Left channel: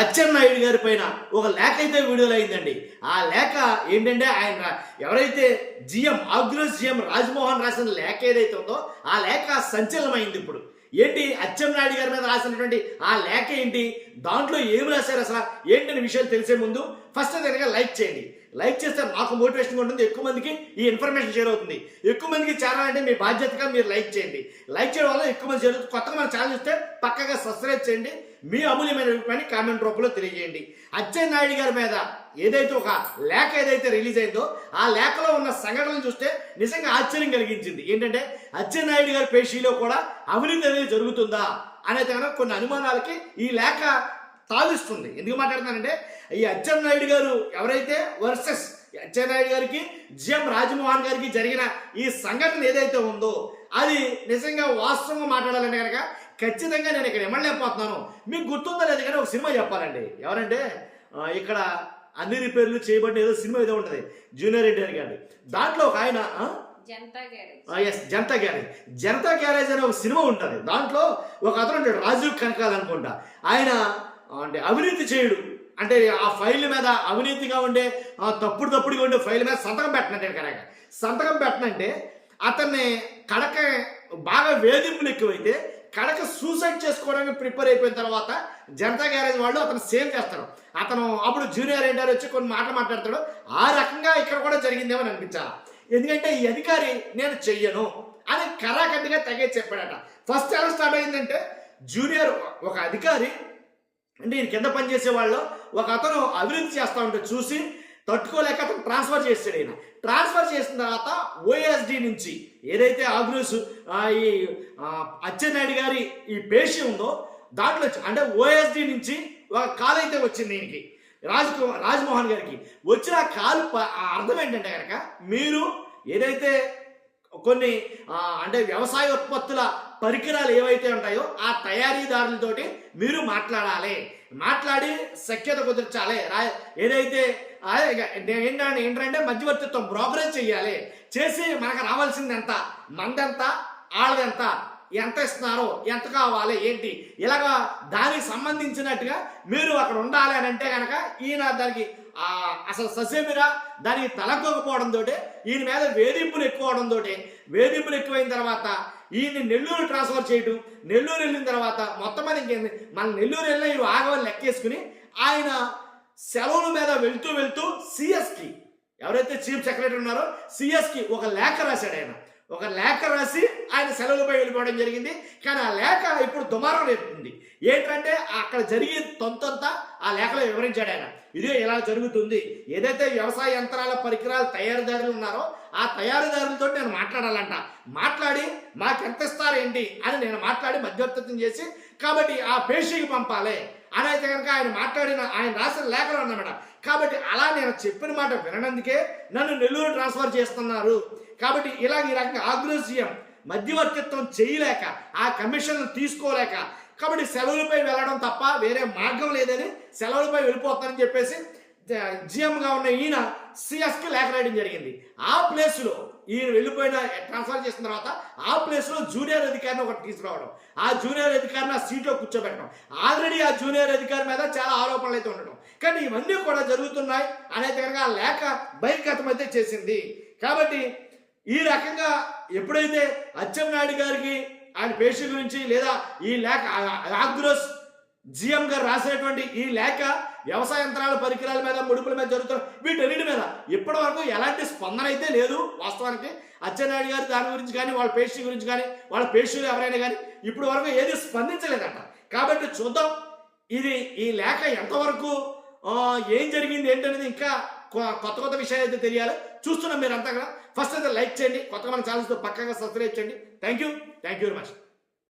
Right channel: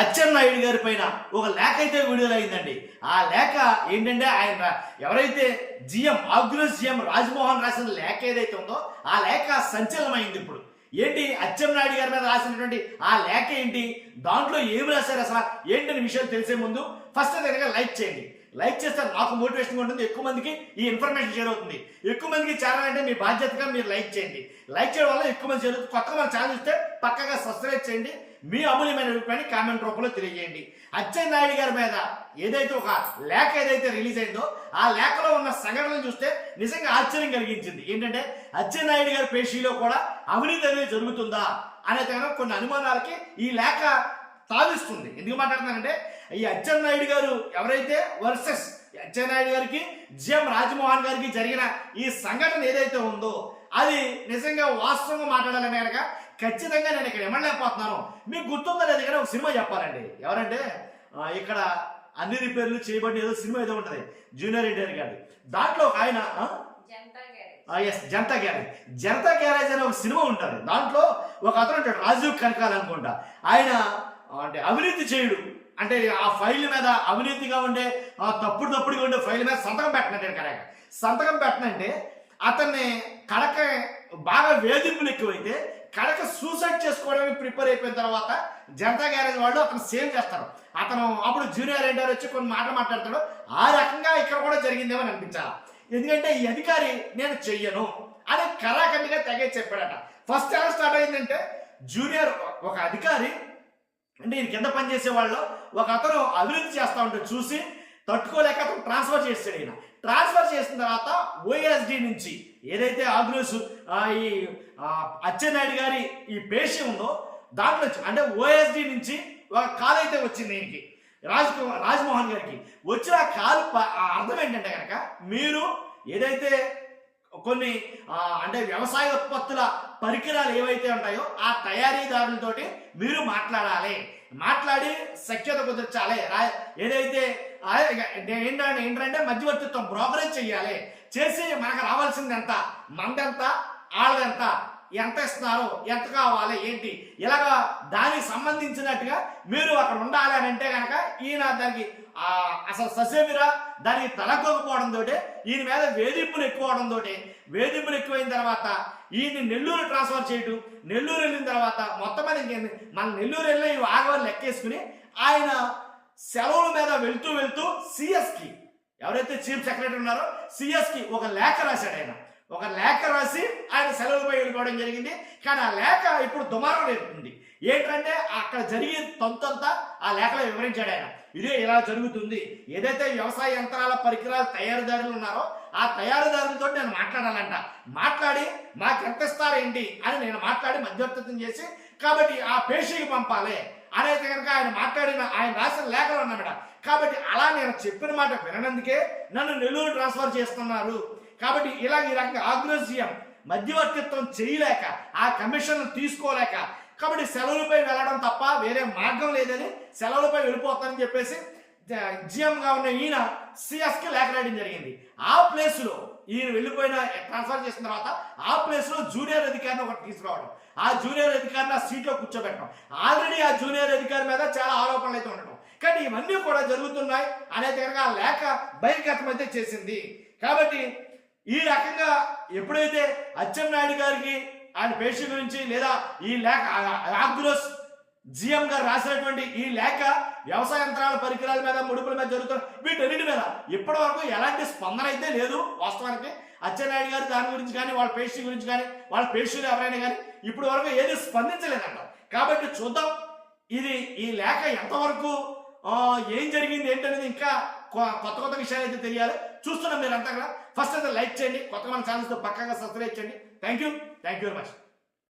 అచ్చెన్నాయుడు గారి పైన ఒక లేఖ అయితే విడుదల అయిందండి. ఆ లేఖ ఏంటంటే ఆయన ఎవరైతే ఆగ్రోస్ జిఎం రాజ్మోహన్ రాసిన లేఖ ఏదైతే ఉందో ఆ లేఖ సంచలనమైంది. ఇప్పుడు ఏంటి అచ్చెన్నాయుడు గారి మీద రాసినటువంటి ఆ లేఖ ఏంటి, దాంట్లో ఏమి రాశారు అసలు ఏంటనే విషయాలు తెలిసే ముందు ఫస్ట్ అయితే లైక్ చేయండి. లైక్ చేస్తే నాకు మోటివేషన్గా ఉంటుంది, ఎక్కువ మందికి ఈ ఇన్ఫర్మేషన్ షేర్ అవుతుంది. ఎక్కువ మందికి ఛానల్ అంటే మీ బాధ్యతగా మీరు లైక్ చేయండి. లైక్ చేయడం వల్ల ఎక్కువ మంది షేర్ అవుతుంది. కొత్తగా మన ఛానల్ చూస్తే పక్కగా సబ్స్క్రైబ్ చేయండి. మీ అమూల్యమైన అభిప్రాయాన్ని కామెంట్ రూపంలో తెలియజేయండి. అచ్చెన్నాయుడు గారి మీద ఏదైతే ఒక లేఖ ఏదైతే రిలీజ్ అయిందో ఆ లేఖలో ఉన్న సంఘటనలు చూస్తే నిజంగా ఆశ్చర్యం కలిగించింది. ఏంటంటే అచ్చెన్నాయుడు గారి పేషీలో కూడా అవినీతి అనేది జరుగుతుందా అనేది కనుక కొన్ని అనుమానాలకి ఈ లేఖ తావిస్తుంది. ఎందుకు మాట్లాడుతున్నానంటే ఈ అచ్చెన్నాయుడు గారు ఎవరైతే వర్సెస్ అచ్చెన్నాయుడు గారికి జిఎం రాజ్మోహన్ గారికి జరిగిన ఈ సంఘటన ఏదైతే ఉందో అది నిజంగా వాస్తవంగా మాట్లాడాలంటే కనుక ఖచ్చితంగా నేను ఇక్కడ ఎమ్మలేకపోతున్నాను. మీకు గుర్తుందో లేదు కానీ ఒక సినిమా చెప్పాలండి. ఎవరంటే ఇక్కడ అన్ని రిపేర్లు చేయబడిన ఏదో సినిమా ఏదో ఉంటుంది జూనియర్ ఎన్టీఆర్ గారి. దాంట్లో ఒక ఆయన జనతా గ్యారేజ్ అనే ఒక సినిమా ఉంటుంది. దాంట్లో ఒక అతను ఉంటాడు రాజీవ్ కనకాల్ అనుకుంటా. ఆయన అంటే అవినీతి చేయుడు అంటే ఆ ఫైల్ మీద అవినీతిగా ఉండే తప్పుడుగా ఉండే ఫైల్ మీద సంతకం పెట్టనంటే కనుక సంతకం పెట్టనంటే అతన్ని కడక బాగా వేధింపులు ఎక్కువైతే కడక సూసైడ్ చేసుకోవడానికి ప్రిపేర్ అయిపోయిన తర్వాత జనతా గ్యారేజ్ వాళ్ళు అతను సేవ్ చేస్తారు. అతను అప్పుడు జూనియర్ ఎన్టీఆర్ వచ్చి కొన్ని మాటలు మాట్లాడతాడు. ఆ రకంగా ఇక్కడ కూడా జరిగిందేమో అనిపించాలా. ఎందుకంటే ఈ అధికారి నేను చెయ్యను అని కరాఖండిగా తెగే చెప్పాడట. ఫస్ట్ ఎలా స్టార్ట్ అయిందంటే జూనియర్ ఒక అధికారి అంటే ఈయన కింద పనిచేసే వాళ్ళు ఒక అతను అభివృద్ధి చేస్తూ ఉంటే చూసి తట్టుకోలేక అతను ట్రాన్స్ఫర్ చేస్తాడు. ఈయన ట్రాన్స్ఫర్ చేసిన తర్వాత ఓఎస్డి నుంచి ఏదైతే ఆగ్రోస్ ఈ అచ్చెన్నాయుడు గారి ఈ పేషి ఉందో దాంట్లో అంటే ఓఎస్డి నుంచి ఒక కాల్ అయితే వచ్చింది ఈయనకి రాజ్మోహన్ గారికి. వచ్చిన కాల్ అర్థం ఏంటంటే కనుక మీరు ఏదైతే కొన్ని అంటే వ్యవసాయ ఉత్పత్తుల పరికరాలు ఏవైతే ఉంటాయో ఆ తయారీదారులతోటి మీరు మాట్లాడి సఖ్యత కుదిర్చాలి. ఏదైతే ఏంటంటే మధ్యవర్తిత్వం బ్రోకరేజ్ చేయాలి. చేసి మనకు రావాల్సింది ఎంత, మందెంత, ఆళ్ళదెంత, ఎంత ఇస్తున్నారు, ఎంత కావాలి ఏంటి ఇలాగా దానికి సంబంధించినట్టుగా మీరు అక్కడ ఉండాలి అని అంటే కనుక ఈయన దానికి అసలు ససేమిరా దానికి తలకోకపోవడంతో ఈయన మీద వేధింపులు ఎక్కువైన తర్వాత ఈయన్ని నెల్లూరు ట్రాన్స్ఫర్ చేయటం. నెల్లూరు వెళ్ళిన తర్వాత మొత్తం మీద ఇంకేంది మన నెల్లూరు వెళ్ళిన ఇవి ఆగవని లెక్కేసుకుని ఆయన సెలవుల మీద వెళ్తూ సిఎస్కి ఎవరైతే చీఫ్ సెక్రటరీ ఉన్నారో సిఎస్కి ఒక లేఖ రాశాడు. ఒక లేఖ రాసి ఆయన సెలవులపై వెళ్ళిపోవడం జరిగింది. కానీ ఆ లేఖ ఇప్పుడు దుమారం రేపుతుంది. ఏంటంటే అక్కడ జరిగే తొంతంతా ఆ లేఖలో వివరించాడు ఆయన. ఇదే ఇలా జరుగుతుంది. ఏదైతే వ్యవసాయ యంత్రాల పరికరాల తయారీదారులు ఉన్నారో ఆ తయారీదారులతో నేను మాట్లాడాలంట. మాట్లాడి మాకెంత ఇస్తారు ఏంటి అని నేను మాట్లాడి మధ్యవర్తిత్వం చేసి కాబట్టి ఆ పేషీకి పంపాలి అనేది కనుక ఆయన రాసిన లేఖలో అన్నమాట. కాబట్టి అలా నేను చెప్పిన మాట విననందుకే నన్ను నెల్లూరు ట్రాన్స్ఫర్ చేస్తున్నారు. కాబట్టి ఈ రకంగా ఆగ్రోస్ జిఎం మధ్యవర్తిత్వం చేయలేక ఆ కమిషన్ తీసుకోలేక కాబట్టి సెలవులపై వెళ్ళడం తప్ప వేరే మార్గం లేదని సెలవులపై వెళ్ళిపోతానని చెప్పేసి జిఎంగా ఉన్న ఈయన సిఎస్కి లేఖ రాయడం జరిగింది. ఆ ప్లేస్లో ఈయన వెళ్ళిపోయిన ట్రాన్స్ఫర్ చేసిన తర్వాత ఆ ప్లేస్లో జూనియర్ అధికారిని ఒకటి తీసుకురావడం, ఆ జూనియర్ అధికారిని ఆ సీట్లో కూర్చోబెట్టడం. ఆల్రెడీ ఆ జూనియర్ అధికారి మీద చాలా ఆరోపణలు అయితే ఉండటం. కానీ ఇవన్నీ కూడా జరుగుతున్నాయి అనేది కనుక ఆ లేఖ బహిర్గతం అయితే చేసింది. కాబట్టి ఈ రకంగా ఎప్పుడైతే అచ్చెన్నాయుడు గారికి ఆయన పేషి గురించి లేదా ఈ లేఖ ఆగ్రోస్ జిఎం గారు రాసినటువంటి ఈ లేఖ వ్యవసాయ యంత్రాల పరికరాల మీద ముడుపుల మీద జరుగుతున్న వీటన్నిటి మీద ఇప్పటి వరకు ఎలాంటి స్పందన అయితే లేదు. వాస్తవానికి అచ్చెన్నాయుడు గారు దాని గురించి కానీ వాళ్ళ పేషి గురించి కానీ వాళ్ళ పేషీలు ఎవరైనా కానీ ఇప్పటి వరకు ఏది స్పందించలేదంట. కాబట్టి చూద్దాం ఈ లేఖ ఎంతవరకు ఏం జరిగింది ఏంటనేది ఇంకా కొత్త విషయాలు అయితే తెలియాలి. చూస్తున్నాం మీరంతా కూడా. ఫస్ట్ అయితే లైక్ చేయండి, కొత్తగా మన ఛానల్స్తో పక్కగా సబ్స్క్రైబ్ చేయండి. Thank you very much.